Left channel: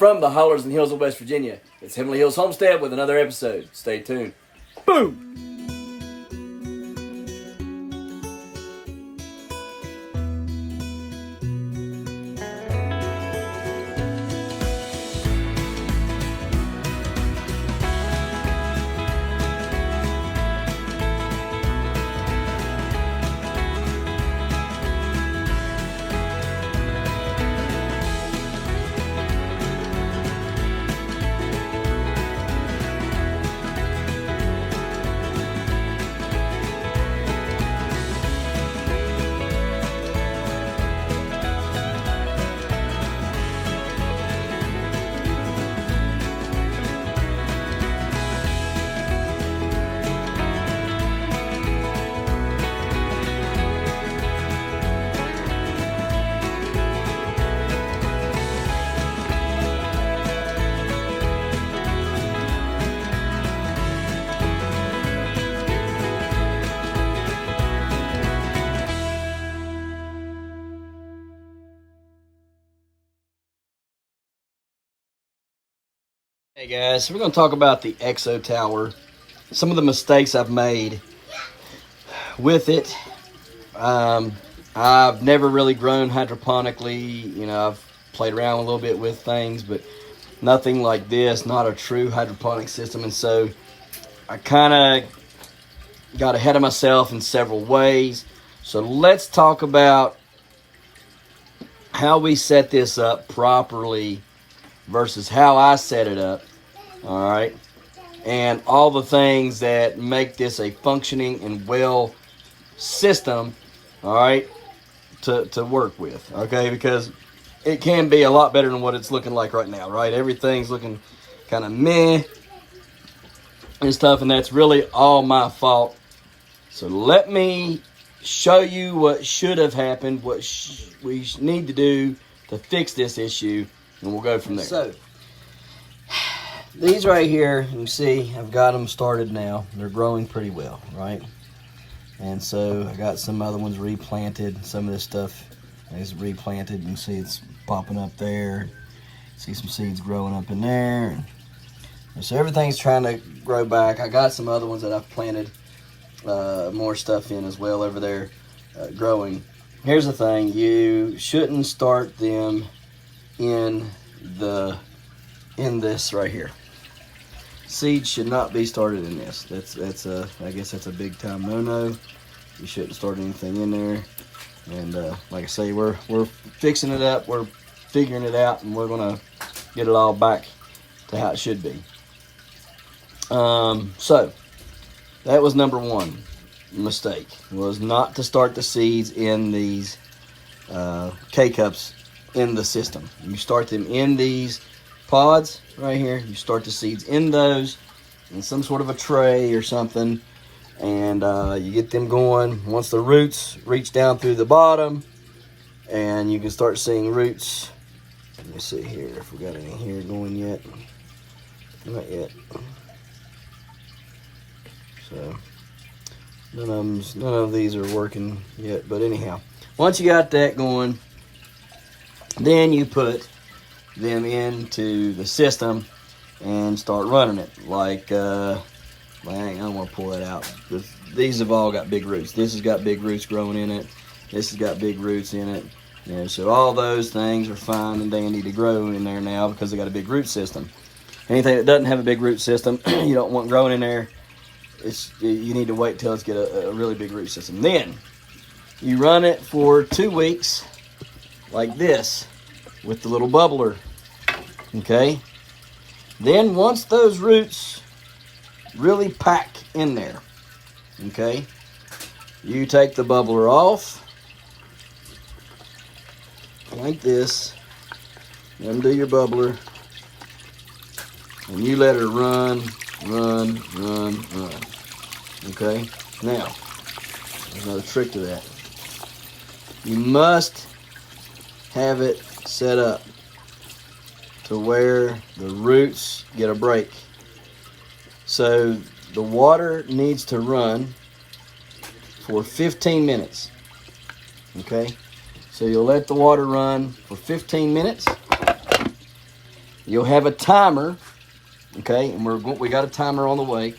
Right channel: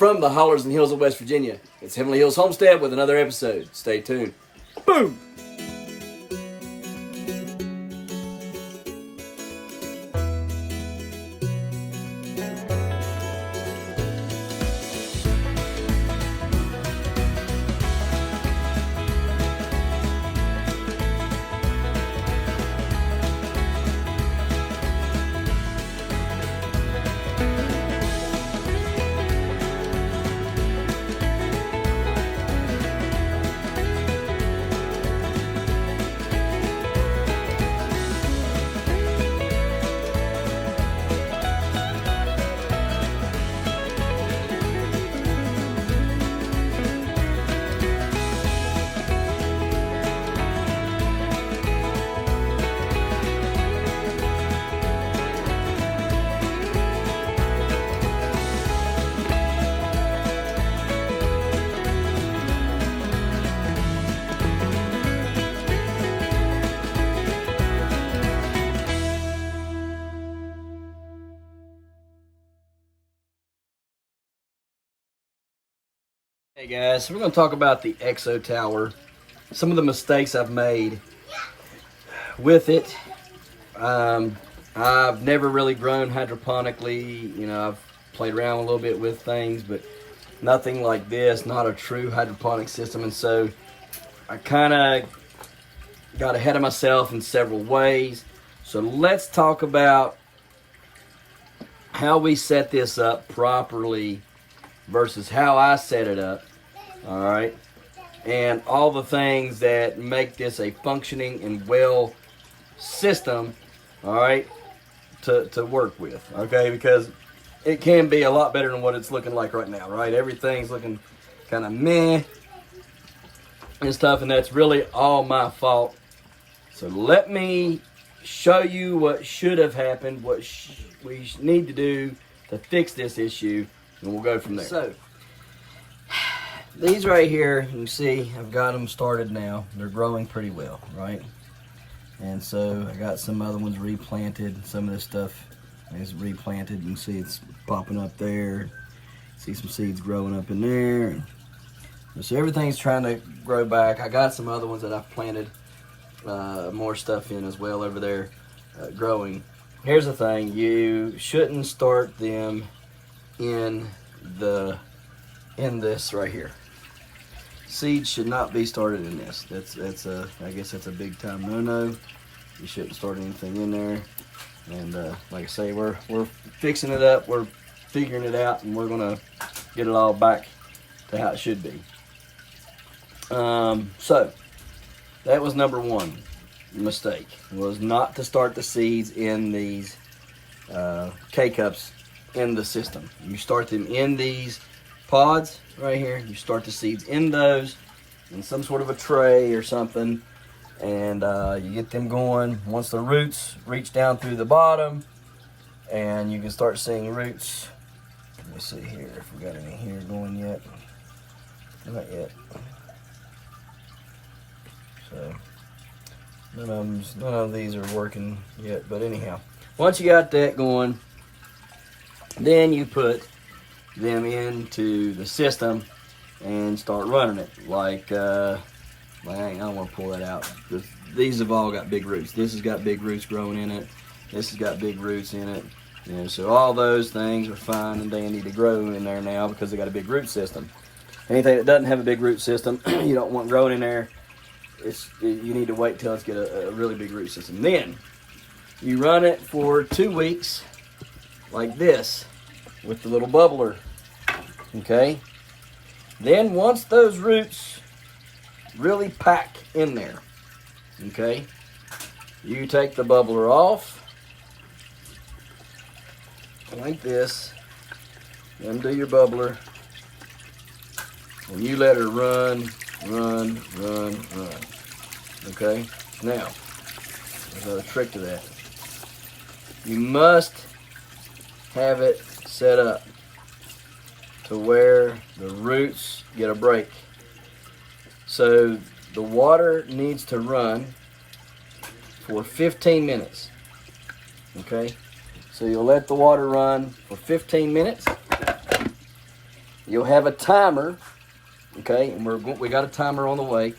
from the hollers and hills of West Virginia, it's Heavenly Hills Homestead with another episode. Stay tuned. Boom! Hey guys, so we're going to talk about the ExoTower, some of the mistakes I've made with it. I've never really grown hydroponically. You know, I've played around a little bit with things, but nothing like this, not a true hydroponic system. And so I kind of got ahead of myself in several ways. So let's talk about how we set this up properly versus how I set it up, all right? And all the things that make this a functioning and well system, all right, to work with, okay? Because it can be a lot better than what it's looking like right now, right? Everything's looking kind of meh and stuff, and that's really all my fault. So let me show you what should have happened, what we need to do to fix this issue, and we'll go from there. So, these right here, you see, I've got them started now. They're growing pretty well, right? And so, I got some other ones replanted. Some of this stuff is replanted. You can see it's popping up there. See some seeds growing up in there. And so, everything's trying to grow back. I got some other ones that I've planted more stuff in as well over there growing. Here's the thing. You shouldn't start them in this right here. Seeds should not be started in this. That's I guess that's a big time no-no. You shouldn't start anything in there. And like I say, we're fixing it up, we're figuring it out, and we're gonna get it all back to how it should be. So that was number one mistake, was not to start the seeds in these K-cups in the system. You start them in these pods right here. You start the seeds in those in some sort of a tray or something, and you get them going. Once the roots reach down through the bottom, and you can start seeing roots. Let me see here if we got any here going yet. Not yet. So none of these are working yet, but anyhow, once you got that going, then you put them into the system and start running it. Like, I don't want to pull that out. These have all got big roots. This has got big roots growing in it. This has got big roots in it. And so all those things are fine, and they need to grow in there now because they got a big root system. Anything that doesn't have a big root system, you don't want growing in there. You need to wait till it's got a really big root system. Then you run it for 2 weeks like this with the little bubbler, okay? Then once those roots really pack in there, okay, you take the bubbler off like this, undo your bubbler, and you let her run. Okay, now there's another trick to that. You must have it set up to where the roots get a break. So the water needs to run for 15 minutes. Okay, so you'll let the water run for 15 minutes. you'll have a timer, okay? And we got a timer on the way.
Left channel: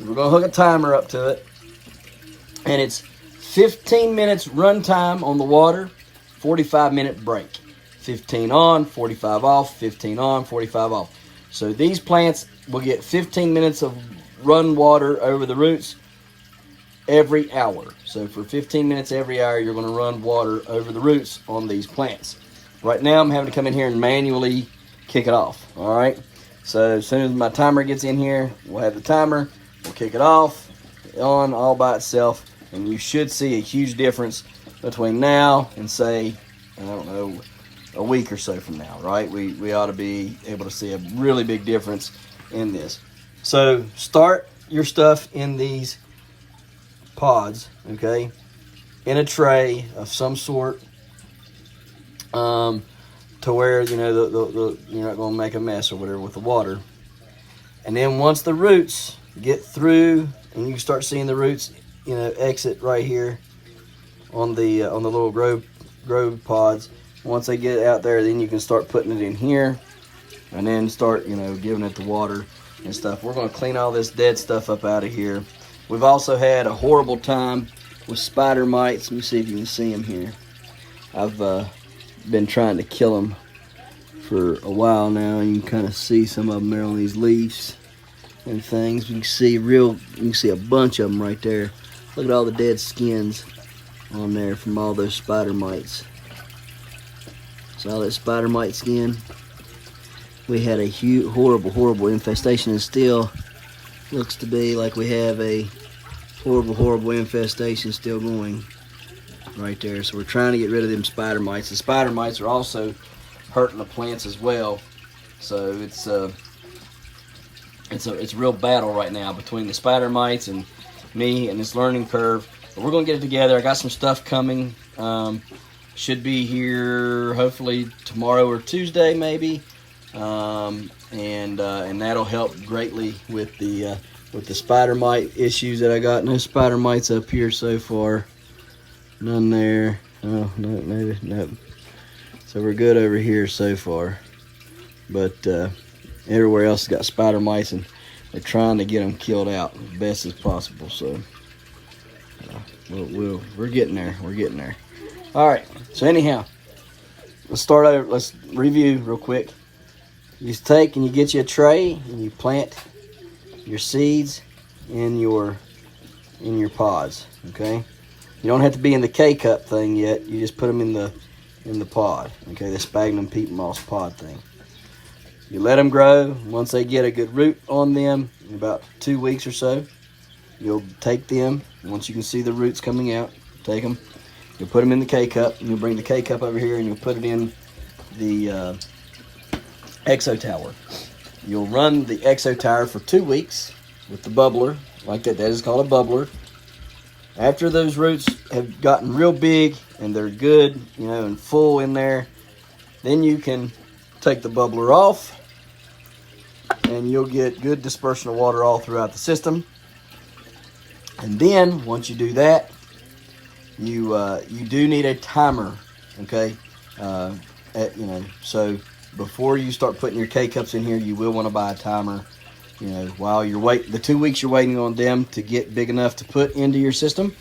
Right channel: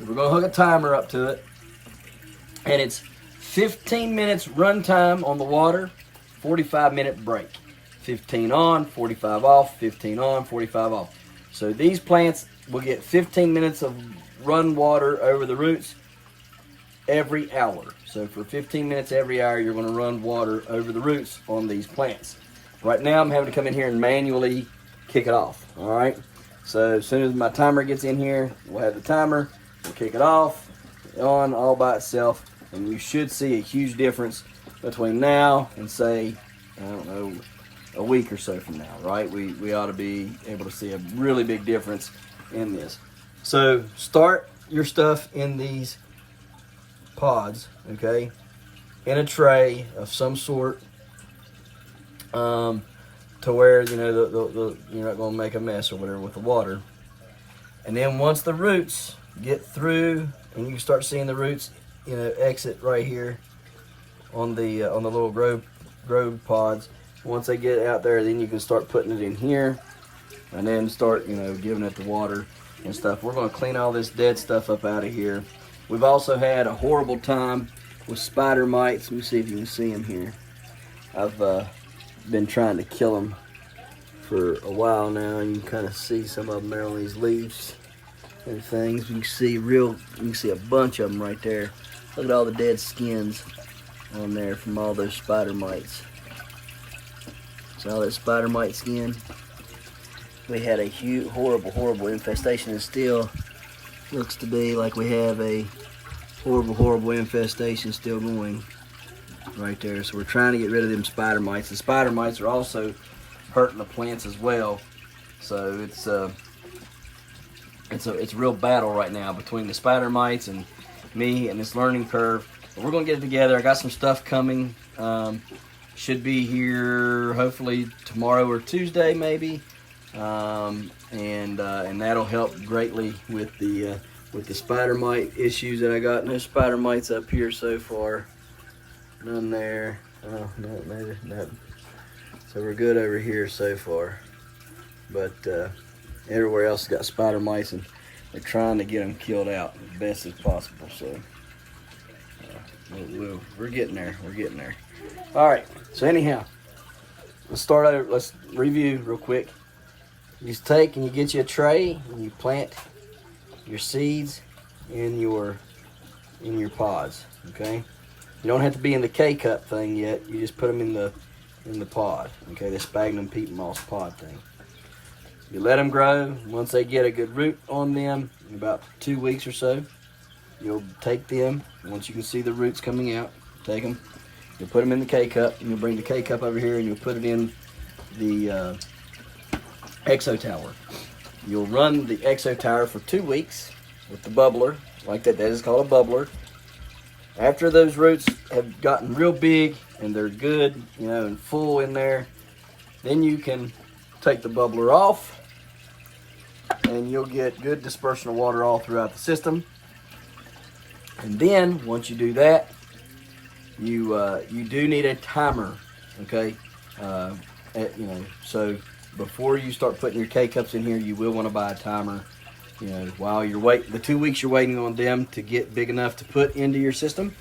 We're gonna hook a timer up to it, and it's 15 minutes run time on the water, 45-minute break. 15 on, 45 off, 15 on, 45 off. So these plants will get 15 minutes of run water over the roots every hour. So for 15 minutes every hour, you're going to run water over the roots on these plants. Right now, I'm having to come in here and manually kick it off. All right. So as soon as my timer gets in here, we'll have the timer. We'll kick it off, on all by itself, and you should see a huge difference between now and, say, I don't know, a week or so from now, right? We ought to be able to see a really big difference in this. So start your stuff in these pods, okay, in a tray of some sort, to where, you know, you're not going to make a mess or whatever with the water. And then once the roots get through, and you start seeing the roots, you know, exit right here on the little grow pods. Once they get out there, then you can start putting it in here, and then start, you know, giving it the water and stuff. We're going to clean all this dead stuff up out of here. We've also had a horrible time with spider mites. Let me see if you can see them here. I've been trying to kill them for a while now. You can kind of see some of them there on these leaves and things. You can see a bunch of them right there. Look at all the dead skins on there from all those spider mites. So all that spider mite skin. We had a huge, horrible infestation, and still looks to be like we have a horrible infestation still going right there. So we're trying to get rid of them spider mites. The spider mites are also hurting the plants as well. So it's a real battle right now between the spider mites and me and this learning curve. But we're gonna get it together. I got some stuff coming. Should be here hopefully tomorrow or Tuesday maybe, and that'll help greatly with the spider mite issues that I got. No spider mites up here so far. None there. Oh, no. So we're good over here so far, but everywhere else has got spider mites, and they're trying to get them killed out as best as possible. So we're getting there. We're getting there. All right. So anyhow, let's start over. Let's review real quick. You just take and you get you a tray and you plant your seeds in your pods. Okay. You don't have to be in the K-cup thing yet. You just put them in the pod. Okay, the sphagnum peat moss pod thing. You let them grow. Once they get a good root on them, in about 2 weeks or so, you'll take them. Once you can see the roots coming out, take them. You put them in the K-cup. You bring the K-cup over here and you'll put it in the ExoTower. You'll run the ExoTower for 2 weeks with the bubbler, like that. That is called a bubbler. After those roots have gotten real big and they're good, you know, and full in there, then you can take the bubbler off and you'll get good dispersion of water all throughout the system. And then once you do that, you do need a timer, okay? So before you start putting your K-cups in here, you will want to buy a timer. You know, while you're the 2 weeks you're waiting on them to get big enough to put into your system,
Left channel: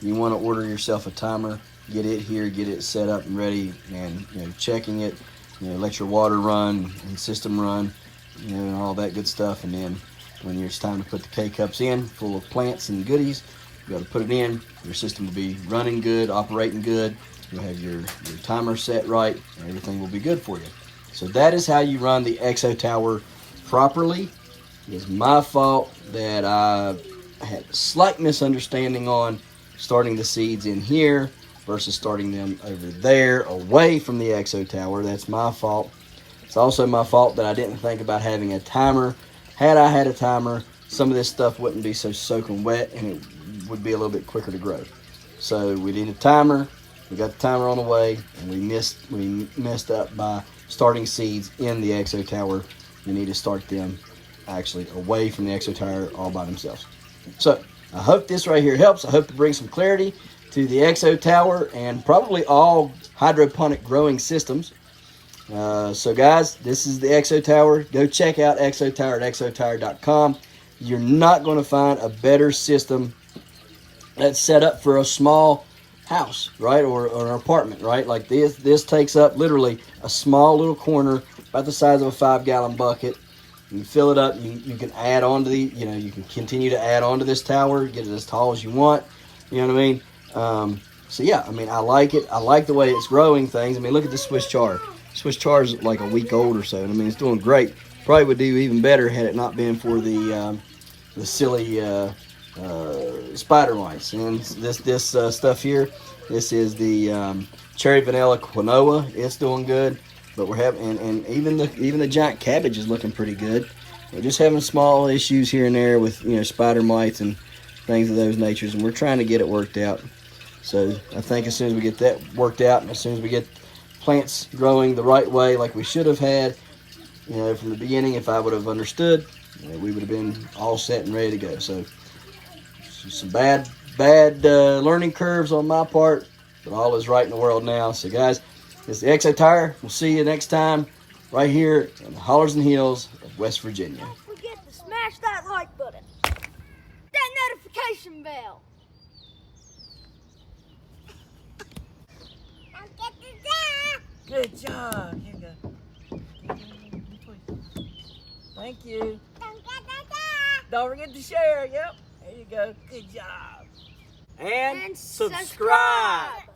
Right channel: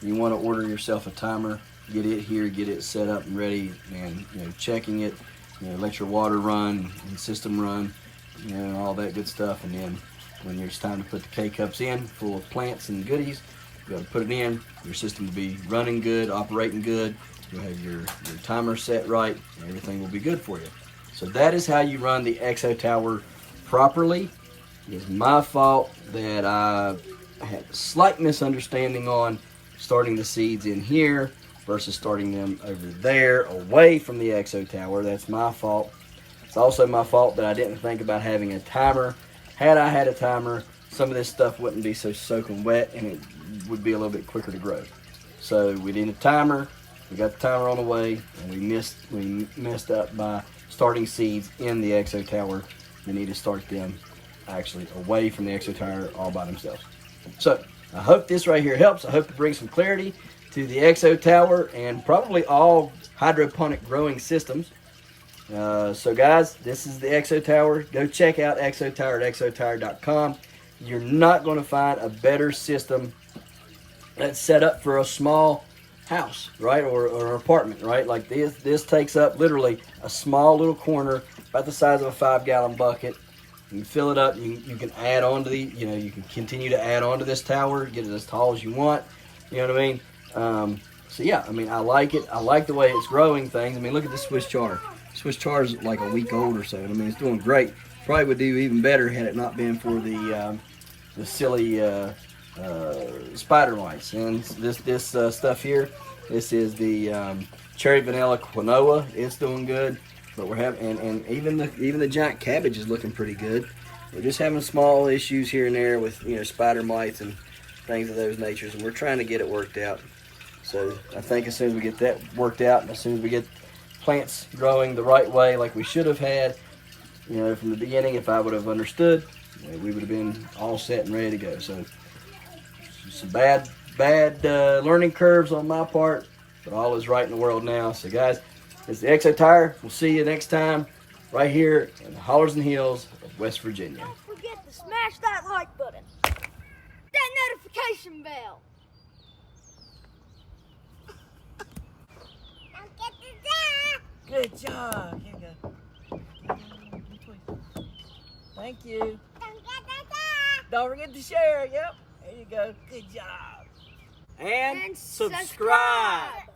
you want to order yourself a timer, get it here, get it set up and ready, and, you know, checking it, you know, let your water run and system run, you know, and all that good stuff. And then when it's time to put the K-cups in full of plants and goodies, you got to put it in. Your system will be running good, operating good. You'll have your timer set right, and everything will be good for you. So that is how you run the ExoTower properly. It's my fault that I had a slight misunderstanding on starting the seeds in here versus starting them over there away from the ExoTower. That's my fault. It's also my fault that I didn't think about having a timer. Had I had a timer, some of this stuff wouldn't be so soaking wet and it would be a little bit quicker to grow. So we need a timer. We got the timer on the way, and we messed up by starting seeds in the ExoTower. We need to start them actually away from the ExoTower all by themselves. So I hope this right here helps. I hope to bring some clarity to the ExoTower and probably all hydroponic growing systems. So guys, this is the ExoTower. Go check out ExoTower at exotower.com. You're not going to find a better system that's set up for a small house, right, or an apartment, right? Like this takes up literally a small little corner about the size of a 5-gallon bucket. You fill it up. You can add on to you can continue to add on to this tower, get it as tall as you want. You know what I mean? So yeah, I mean, I like it. I like the way it's growing things. I mean, look at the Swiss chard. Swiss chard is like a week old or so. I mean, it's doing great. Probably would do even better had it not been for the silly spider mites. And this stuff here, this is the cherry vanilla quinoa. It's doing good. But we're having, and even the giant cabbage is looking pretty good. We're just having small issues here and there with spider mites and things of those natures, and we're trying to get it worked out. So I think as soon as we get that worked out, and as soon as we get plants growing the right way, like we should have had, from the beginning, if I would have understood, we would have been all set and ready to go. So some bad learning curves on my part, but all is right in the world now. So guys, it's the ExoTower. We'll see you next time right here in the hollers and hills of West Virginia. Don't forget to smash that like button, that notification bell. Don't get the Good job. Here you go. Thank you. Don't get the Don't forget to share. Yep. There you go. Good job. And subscribe.